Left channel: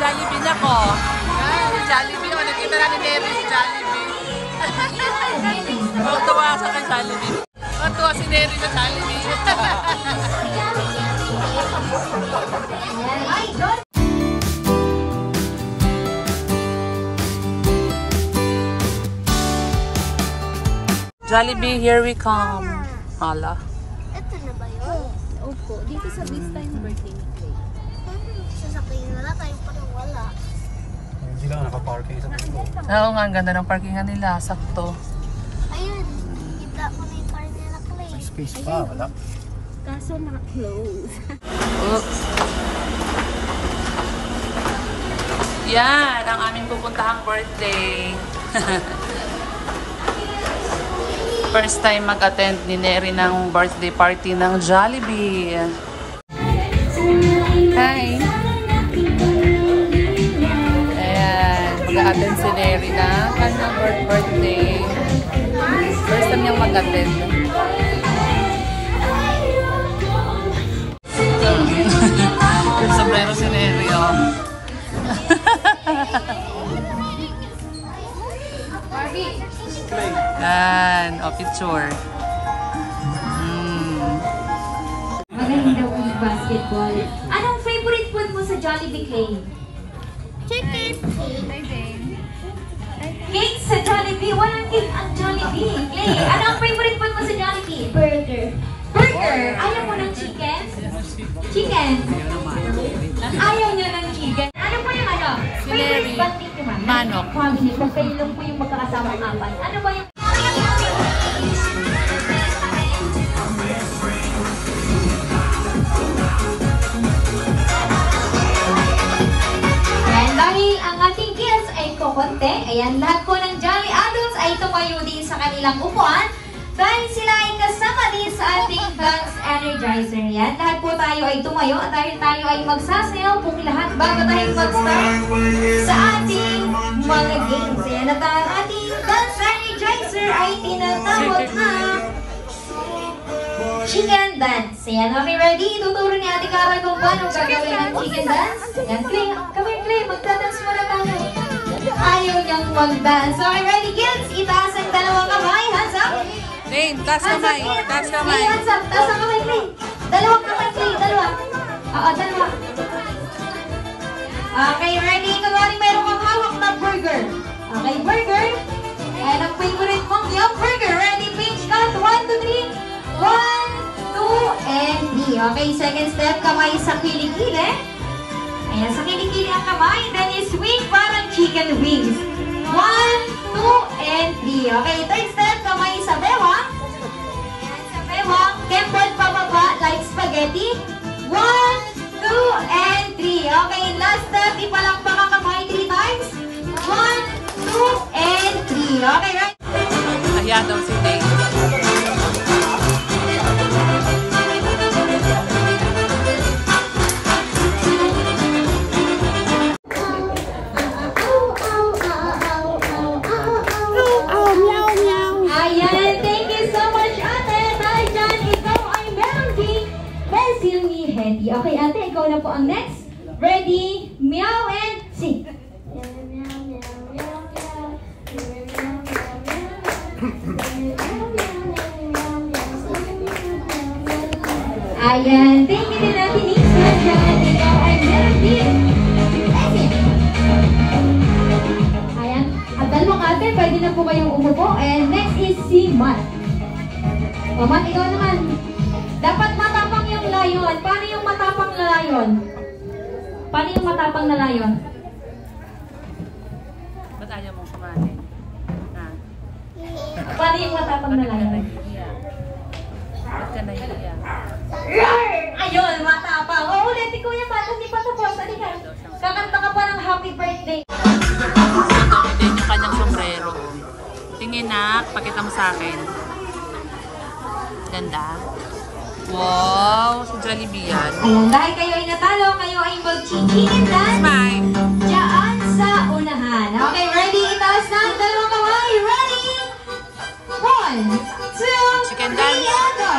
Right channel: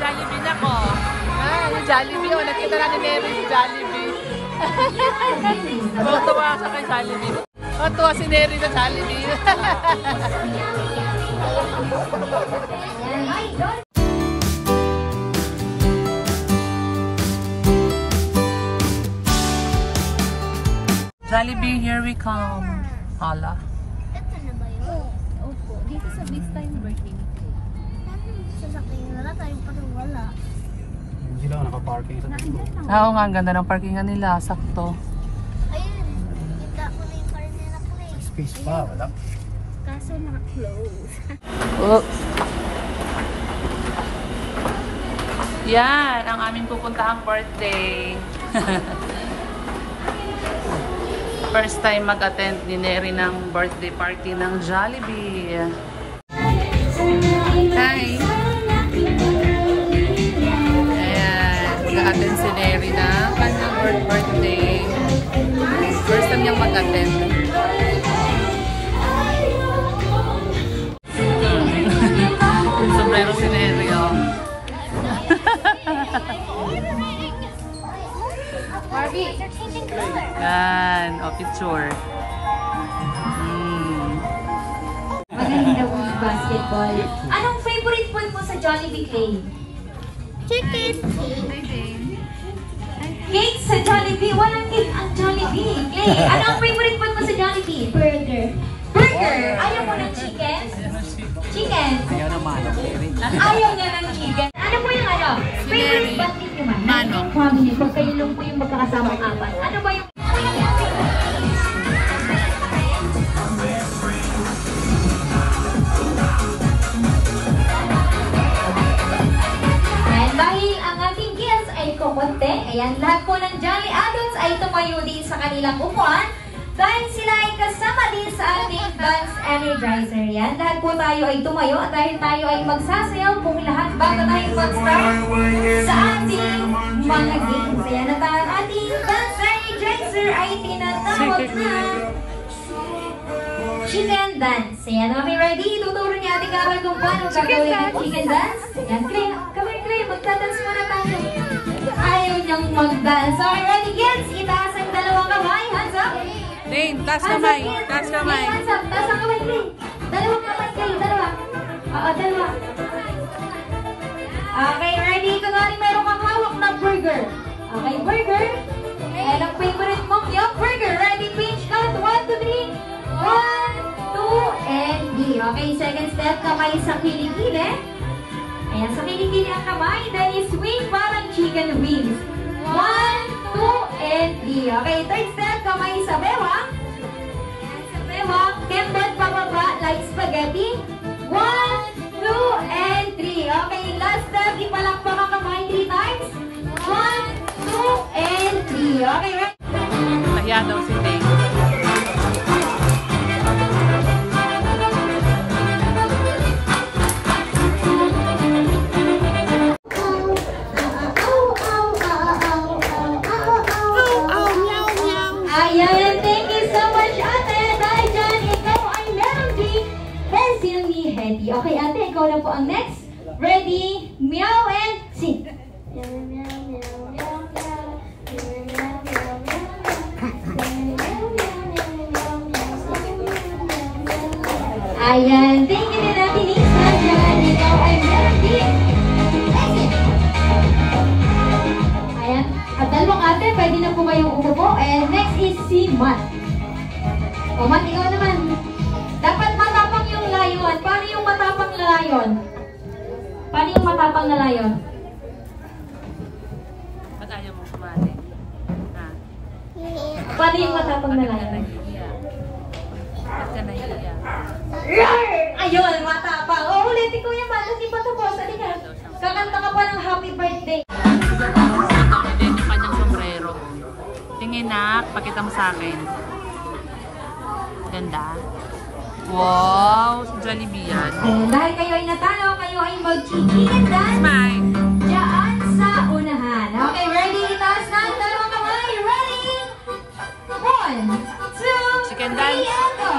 Jollibee na ko. Yung Jollibee, oh, nakita na ni Neri si Jollibee. Tuwa sa kay Jollibee. Tuwa si Neri sa Jollibee. Jollibee, here we come. Hala. Ito na ba yun? Opo, dito sa this time birthday. Sasakyan na tayong parang wala. Hindi lang naka-parking sa Oo nga, ang ganda ng parkingan nila. Sakto. Ayun, kita ko na yung parking na play. space pa, wala. Kaso na-close. Oh. Yan, ang aming pupuntahang birthday. First time mag-attend ni Neri ng birthday party ng Jollibee. Hi! Ayan, mag-attend si Neri na kanyang birthday. First time niyang mag-attend. Sombrero si Neri, oh. Yan, o picture. Maganda po yung basketball. Anong favorite food mo sa Jollibee, Clay? Chicken. Cake sa Jollibee? Walang cake ang Jollibee. Clay, ano ang favorite food mo sa Jollibee? Burger. Burger! Ayaw mo ng chicken? Chicken? Ayaw niya ng chicken. Ano po yung ano? Favorite basketball naman? Manok. Family, pag kayo lang po yung magkakasama apat. Ano ba yung... Ayan, dahil ang ating guests ay kukunti, ayan, lahat po ng Jolly Adults ay tumayo din sa kanilang upuan dahil sila ay kasama din sa ating Dance Energizer. Yan, lahat po tayo ay tumayo at dahil tayo ay magsasayaw pong lahat bago tayo mag-start sa ating mga games. Ayan, at ang ating Dance Energizer ay tinatawag na Chicken Dance. Ayan, okay, ready? Ituturo ni Ate Carol kung paano gagawin ang Chicken Dance. Ayan, Clay, come here, Clay, magdadance muna tayo. Ayaw niyang mag-dance. Okay, ready, kids? Itaas ang dalawang kamay. Hands up. Dane, taas kamay. Taas kamay. Hands up. Taas ang kamay, Clay. Dalawang kamay, Clay. Dalawa. Oo, dalawa. Okay, ready? Ito nga rin meron kang hawak na burger. Okay, burger. Ayan ang favorite mong yung burger. Ready, pinch count. 1, 2, 3. 1, 2, and 3. Okay, second step. Kamay sa kilikili. Ayan, sa kilikili ang kamay. Then swing parang chicken wings. 1, 2, and 3. Okay, third step. Kamay sa bewang. Sa bewang. Kembot pababa like spaghetti. 1, 2, and 3. Okay, last step. Ipalakpak ang kamay 3 times. 1, 2, and 3. Okay, right? Ayan daw si Dane. Ayan, thank you so much, ate. Dahil dyan, ikaw ay meron ding pencil ni Hetty. Okay, ate, ikaw na po ang next. Ready, meow, and sing. Ayan, thank you din natin, Lisa. Dyan, ikaw ay meron din pencil. Ayan, at dalawang ate, pwede na po kayong umupo. And next is si Matt. O, Matt, ikaw naman. Dapat matapang yung layon. Paano yung matapang na layon? Paano yung matapang na layon? Ba't ayaw mong sumali? Ha? Paano yung matapang na Bakit ka layon? nahihiya? Ba't ka nahihiya? Ayun, matapang. O, ulitin ko yung Matt. Hindi pa tapos. Halika. Kakanta ka pa ng happy birthday. Din yung kanyang sombrero. Tingin na, pakita mo sa akin. Ganda. Wow, si Jollibee yan. Ayan, dahil kayo ay natalo, kayo ay mag-chicken dance. Smile. Diyan sa unahan. Okay, ready? Itaas na ang dalawang kamay. Ready? 1, 2, Chicken dance. 3, and go!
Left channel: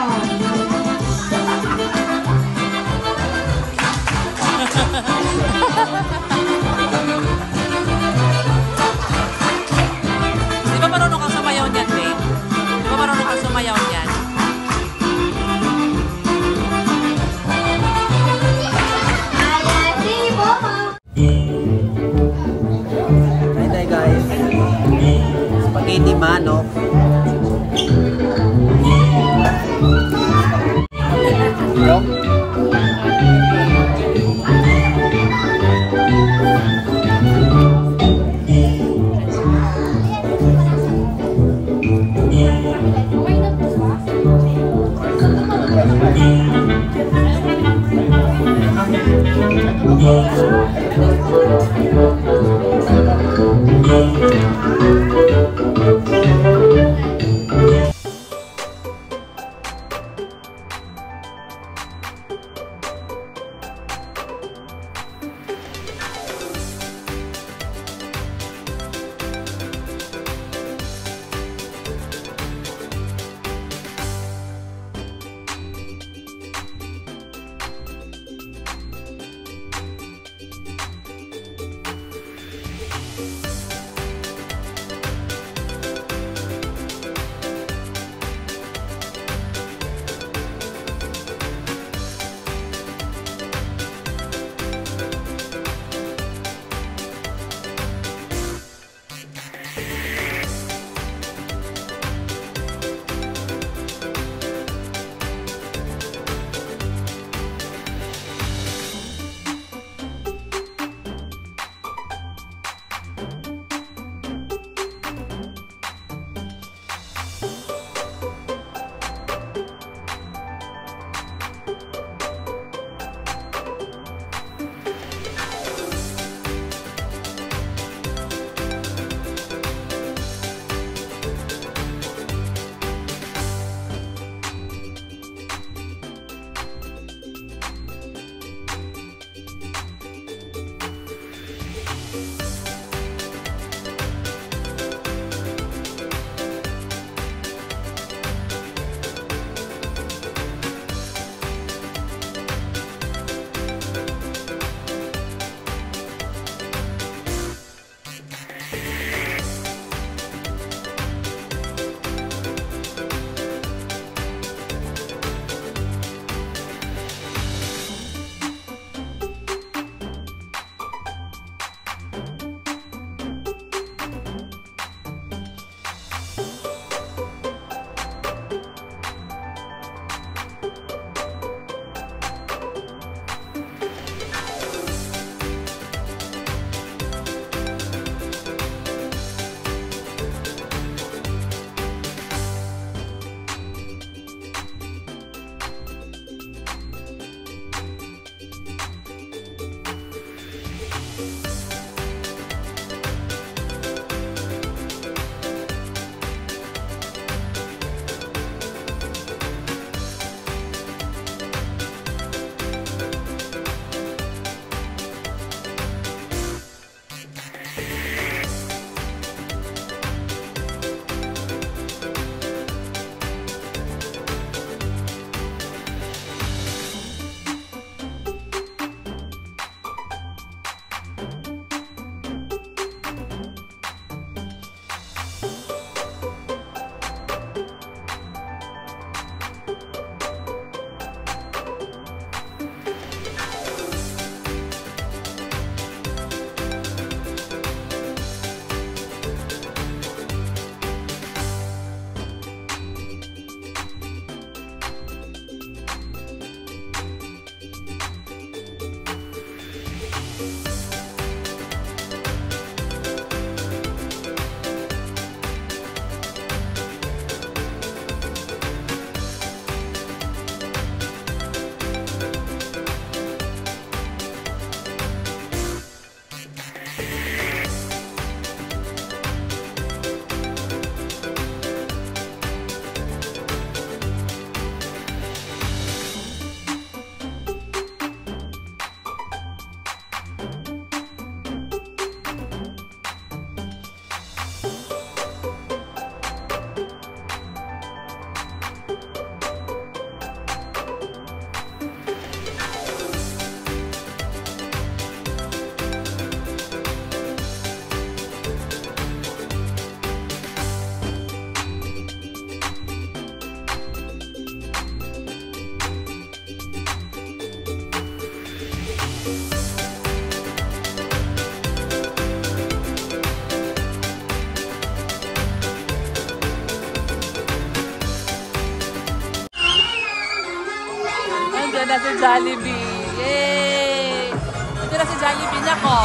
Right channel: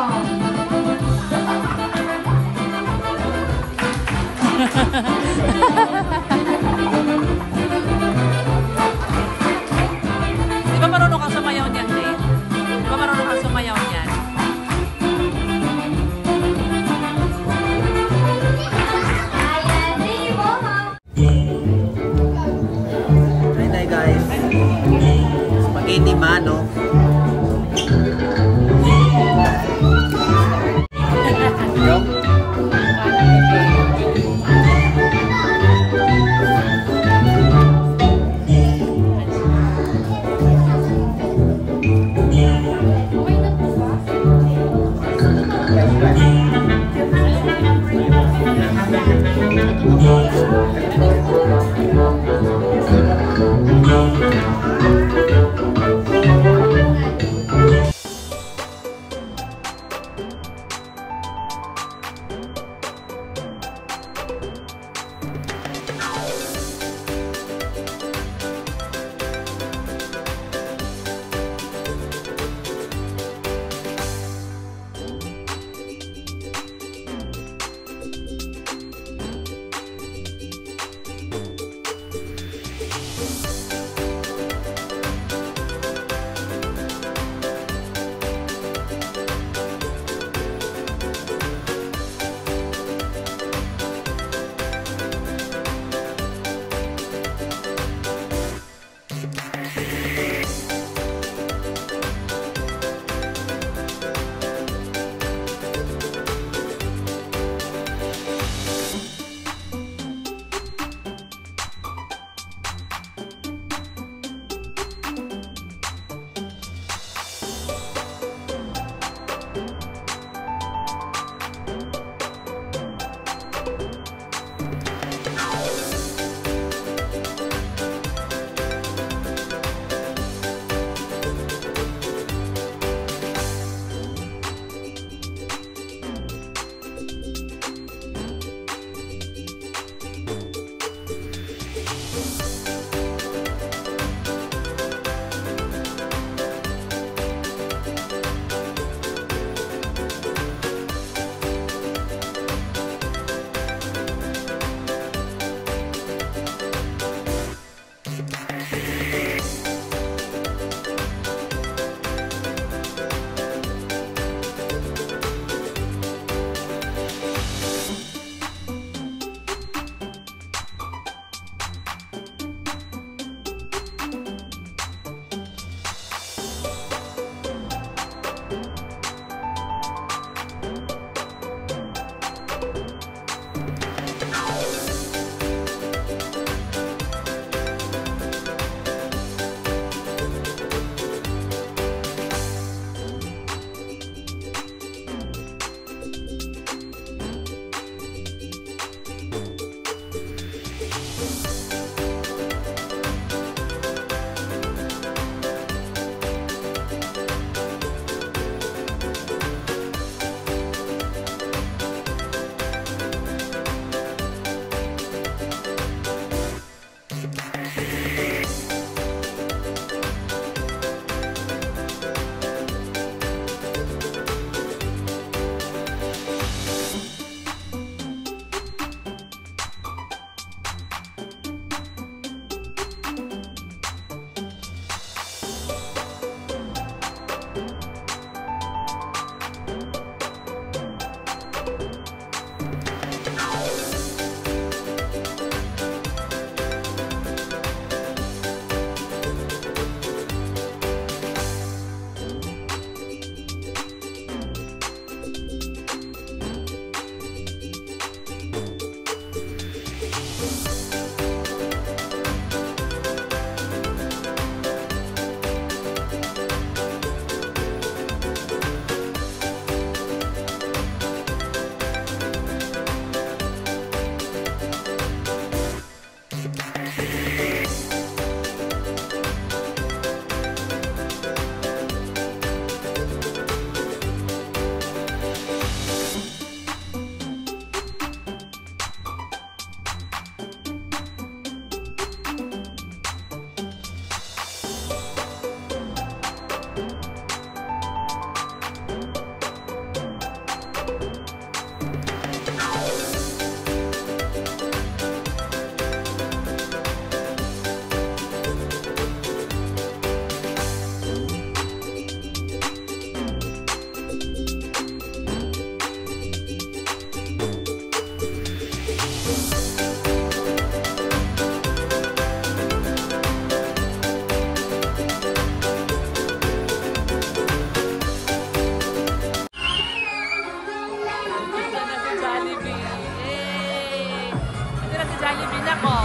Jollibee. Yay! Ito na si Jollibee na ko.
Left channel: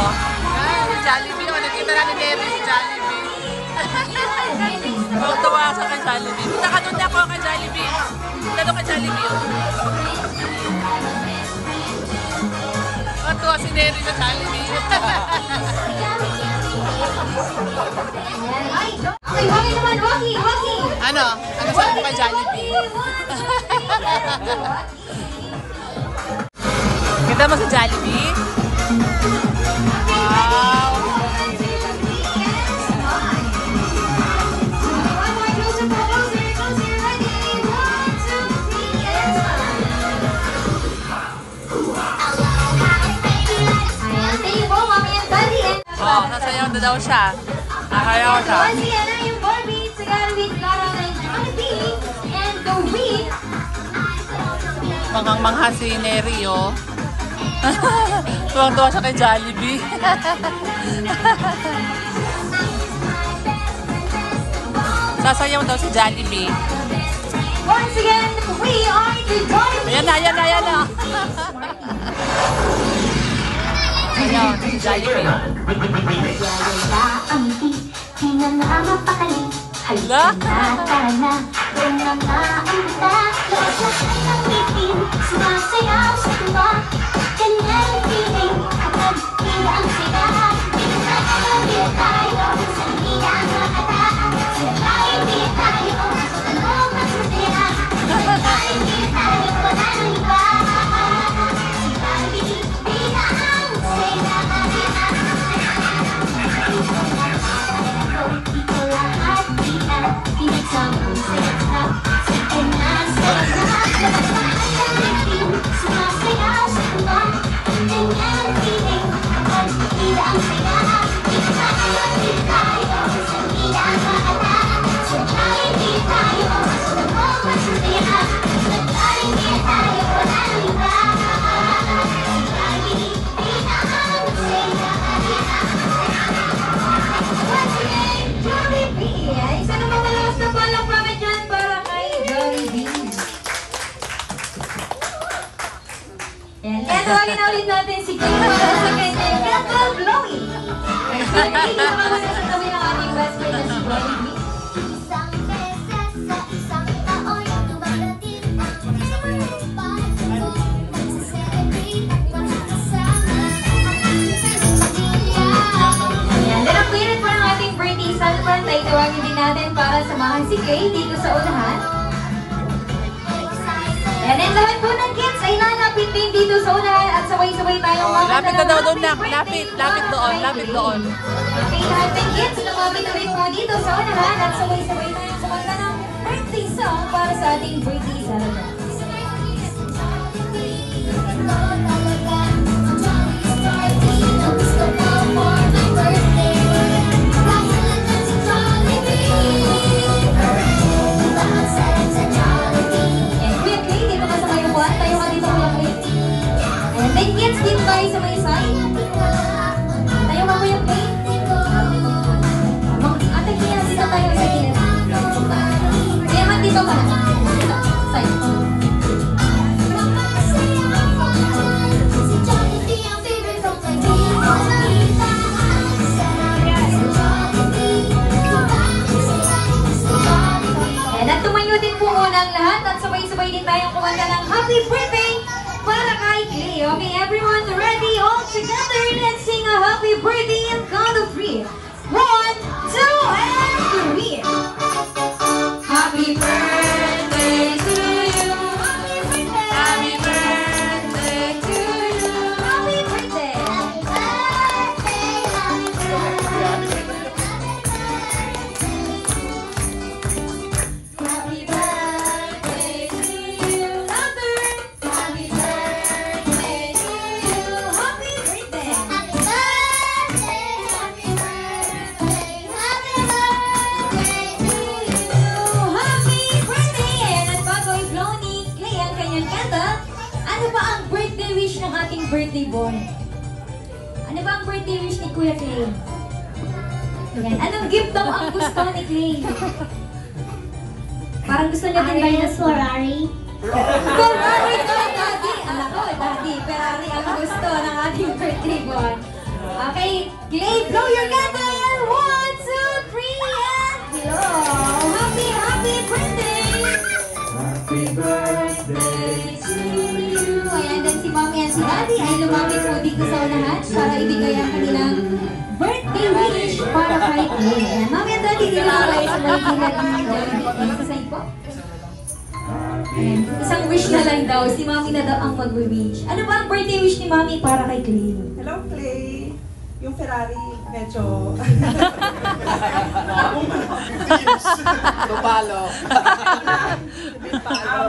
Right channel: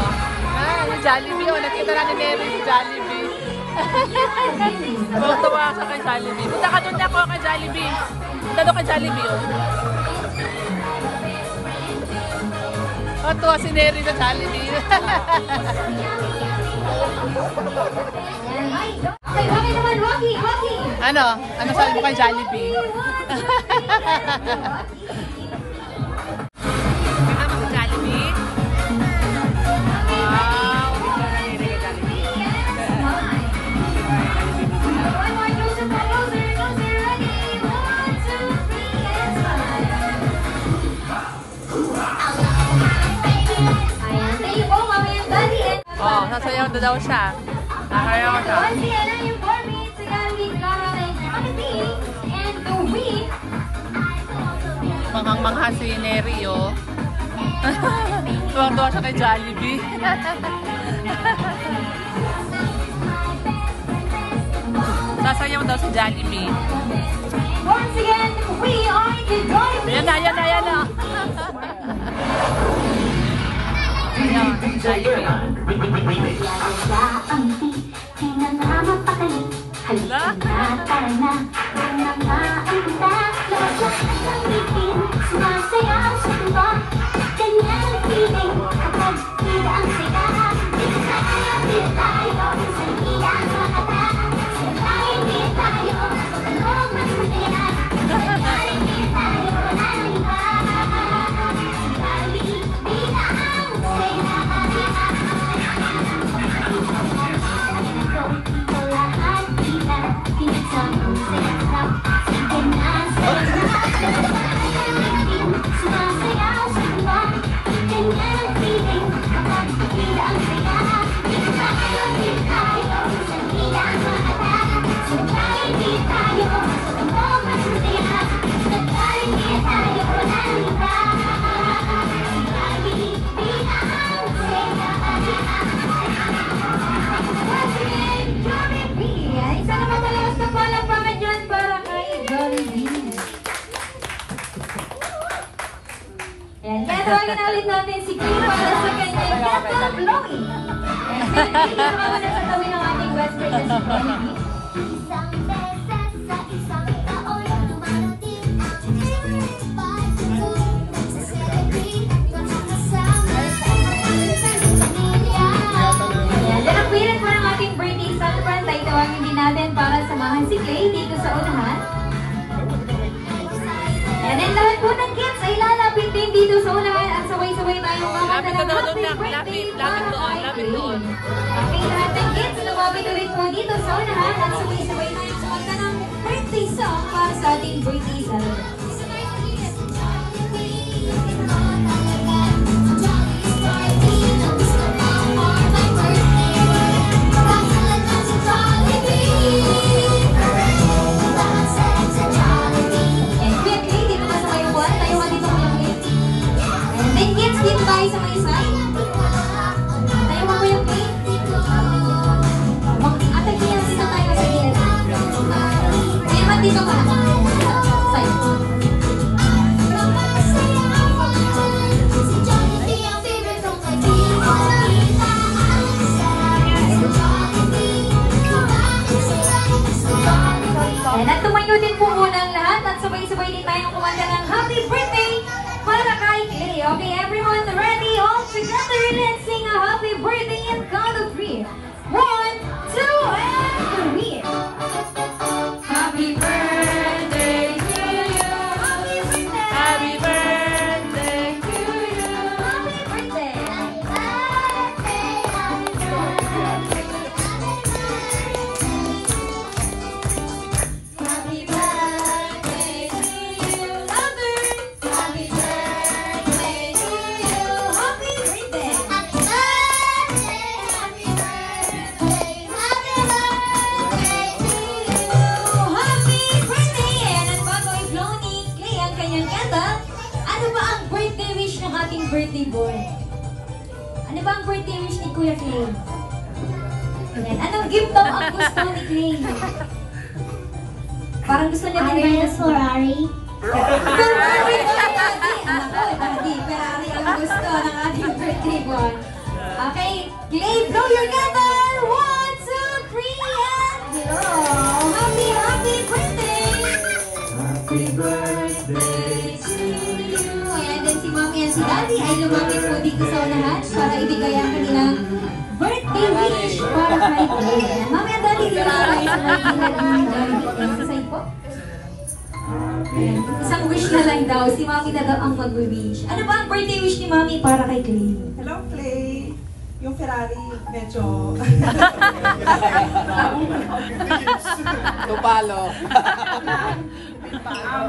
Yung Jollibee. Oh, nakita na ni Mary si Jollibee. Tuwa sa kay Jollibee. Punta ka doon ako kay Jollibee. Punta doon kay Jollibee. Oh, Tuwa si Neri sa Jollibee. Okay, Wagi naman, Wagi! Ano? Ano sa ka Jollibee? Ganda mo sa Jollibee? Wow! Oh, sasayaw na daw siya. Nakayaw siya. Manghang-mangha si Neri, oh. Tuwang-tuwa siya kay Jollibee. Sasayaw daw si Jollibee. Once again, we are the Jollibee. Ayan na, ayan na, ayan na. Ayan, si Jollibee. Hala? Tawagin na ulit natin si Kim para sa kanyang Kato Blowy. Kasi hindi naman sa kami ng ating West Point na si Blowy. Then ang pilit po ng ating birthday celebrant ay tawagin din natin para samahan si Clay dito sa unahan. And then lahat po ng kids ay lalapit din dito sa unahan at sabay-sabay tayong Lapit na ng daw doon, happy birthday lapit doon, lapit doon. Okay, lahat ng kids, lumapit ulit po dito sa unahan at sabay-sabay tayong kumanta ng birthday song para sa ating birthday celebrant. Dito ka na. Side. And at tumayo din po muna ang lahat at sabay-sabay din tayong kumanta ng happy birthday para kay Clay. Okay, everyone ready? All together, let's sing a happy birthday and count of 3. 1, 2, and 3. Happy birthday to you. Happy birthday to you. Happy birthday. Happy birthday. Happy birthday to you. Louder. Happy birthday to you. Happy birthday. Happy birthday. Happy birthday. Happy birthday to you. Happy birthday! And at bago i-blow ni Clay ang kanyang kanta, ano ba ang birthday wish ng ating birthday boy? Ano ba ang birthday wish ni Kuya Clay? Ayan. Anong gift daw ang gusto ni Clay? Parang gusto niya din ba yung Ferrari? Ferrari na Daddy! Anak ko, Daddy, Ferrari ang gusto ng ating birthday boy. Okay, Clay, blow your candle! 1, 2, 3, and blow! Happy birthday! Happy birthday to you! Ayan din si Mami Ayan, si Daddy ay lumapit po dito sa unahan para ibigay ang kanilang birthday wish para kay Clay. Ayan, Mami at Daddy, dito na tayo sa birthday ni Jollibee. Sa side po. Ayan, isang wish na lang daw. Si Mami na daw ang mag-wish. Ano ba ang birthday wish ni Mami para kay Clay? Hello, Clay. Yung Ferrari, medyo...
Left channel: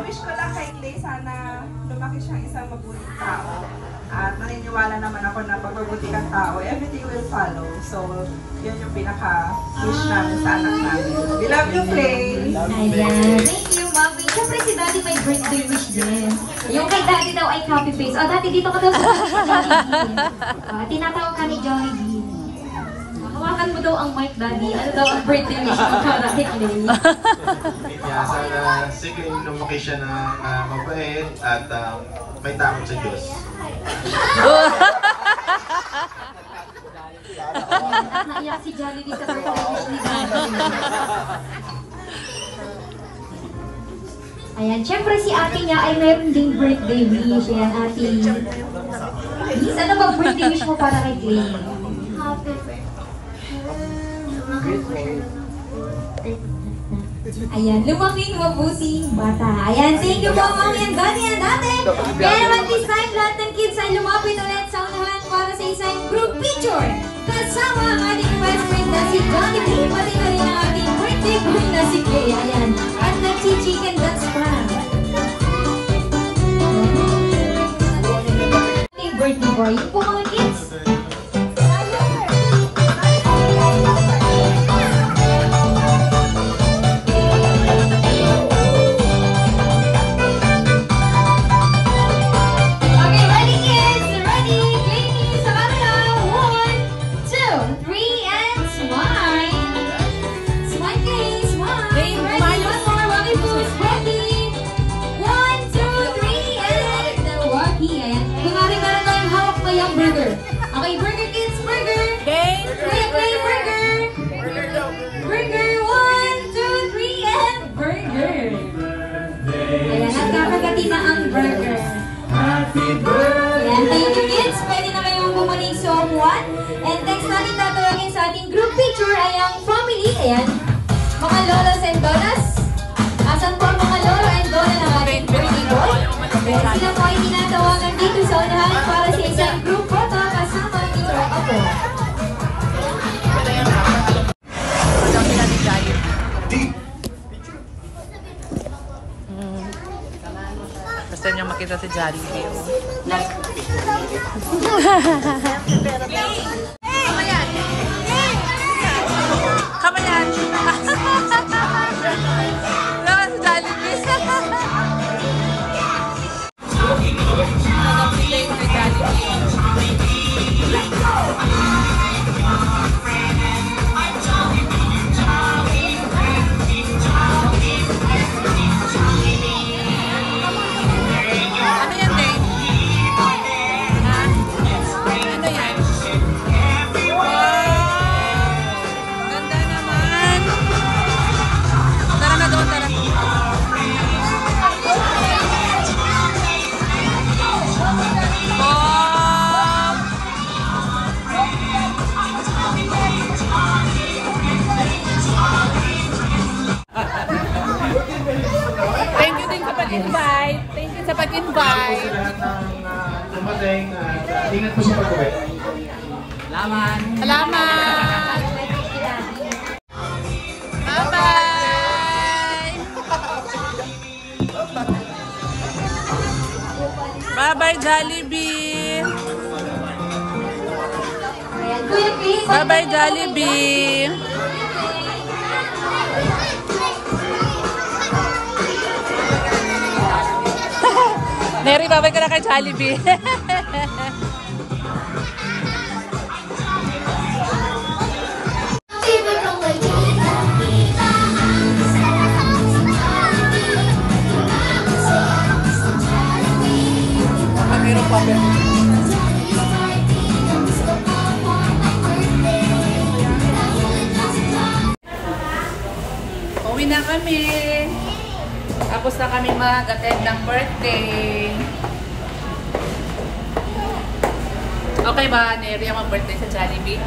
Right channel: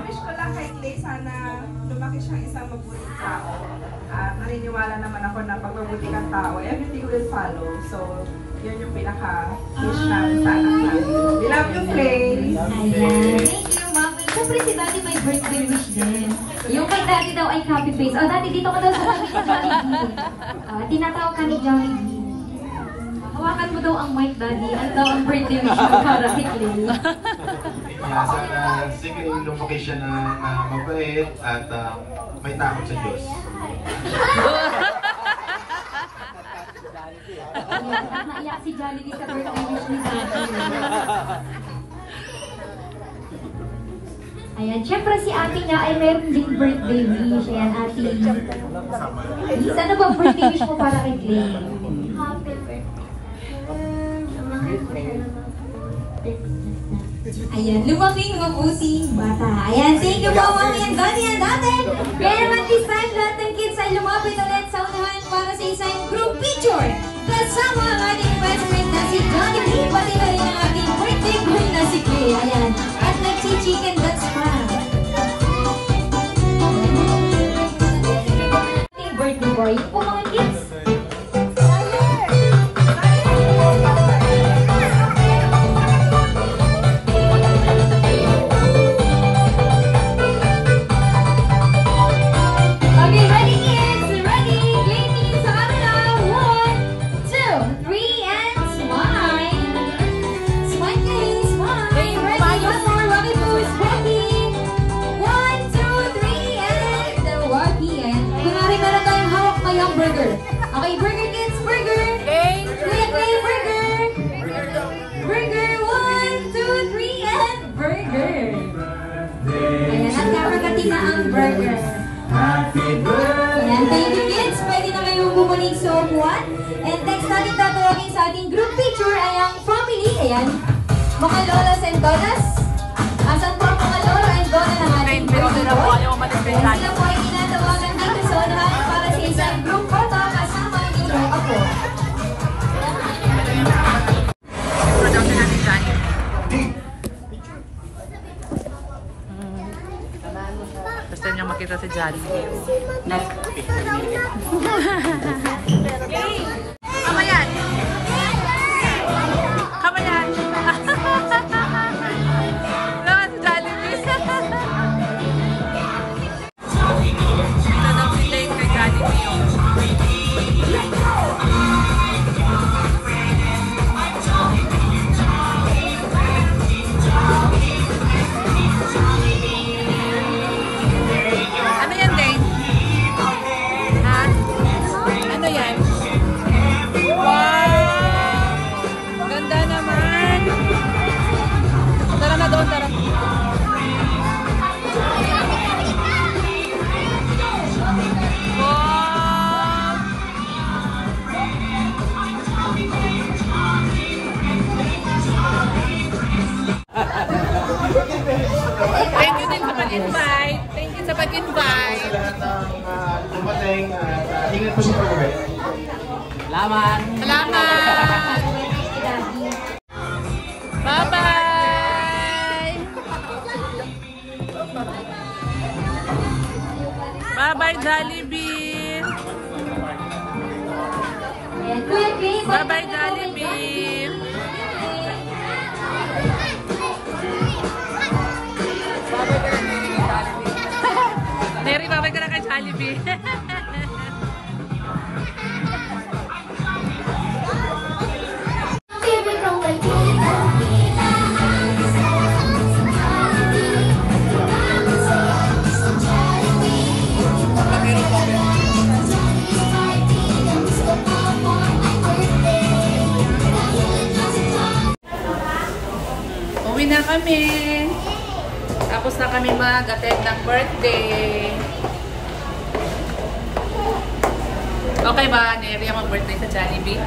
wish ko lang kay Clay, sana lumaki siyang isang mabuting tao. At naniniwala naman ako na pag mabuti kang tao, everything will follow. So, yun yung pinaka-wish namin sa anak namin. We love you, Clay! Ayan. Thank you, Mami. Siyempre si Daddy may birthday wish din. Yung kay Daddy daw ay copy paste. Oh, Daddy, dito ka daw sa Jollibee. Tinatawag ka ni Jollibee. Hawakan mo daw ang mic, Daddy. Ano daw ang birthday wish mo para kay Clay? Yeah, sana si Clay lumaki siya na mabait at may takot sa Diyos. Ayan, at naiyak si Jollibee sa birthday wish ni Daddy. Ayan, syempre si ate niya ay meron ding birthday wish. Ayan, ate. Miss, ano bang birthday wish mo para kay Clay? Ayan, lumaking mabusing bata. Ayan, thank you po, Mami and Daddy and Ate. Kaya naman this time, lahat ng kids ay lumapit ulit sa unahan para sa isang group picture. Kasama ang ating best friend na si Jollibee, pati na rin ang ating birthday boy na si Clay. Ayan, at nagchi-chicken dance pa. Ating birthday boy, yun po mga kids. Okay, burger kids, burger! Kuya Clay, burger! Burger, 1, 2, 3, and burger! Ayan, at kakagati na ang burger. Ayan, thank you kids! Pwede na kayong bumalik sa upuan. And next natin tatawagin sa ating group picture ay ang family. Ayan, mga lolas and lolas. Asan po ang mga lola and lola ng ating birthday boy? Ayan, sila po ay tinatawagan dito sa unahan para sa isang group photo kasama ang inyong apo. First time niyang makita si Jollibee. Kamayan! Kamayan! Naman si Jollibee. Nanapiling kay Jollibee. Ano yan, Dane? Ha? Ano yan? Wow! Ganda naman! Tara na doon, tara. Wow! Thank you din sa pag-invite. Thank you sa pag-invite. Sa lahat ng dumating at ingat po sa pag-uwi. Salamat! Salamat! Bye-bye! Bye-bye, Jollibee! Ayan, Kuya Clay, Bye-bye, Jollibee! Neri, babay ka na kay Jollibee. Uwi na kami. Tapos na kami mag-attend ng birthday. Okay ba, Neri, ang mag-birthday sa Jollibee?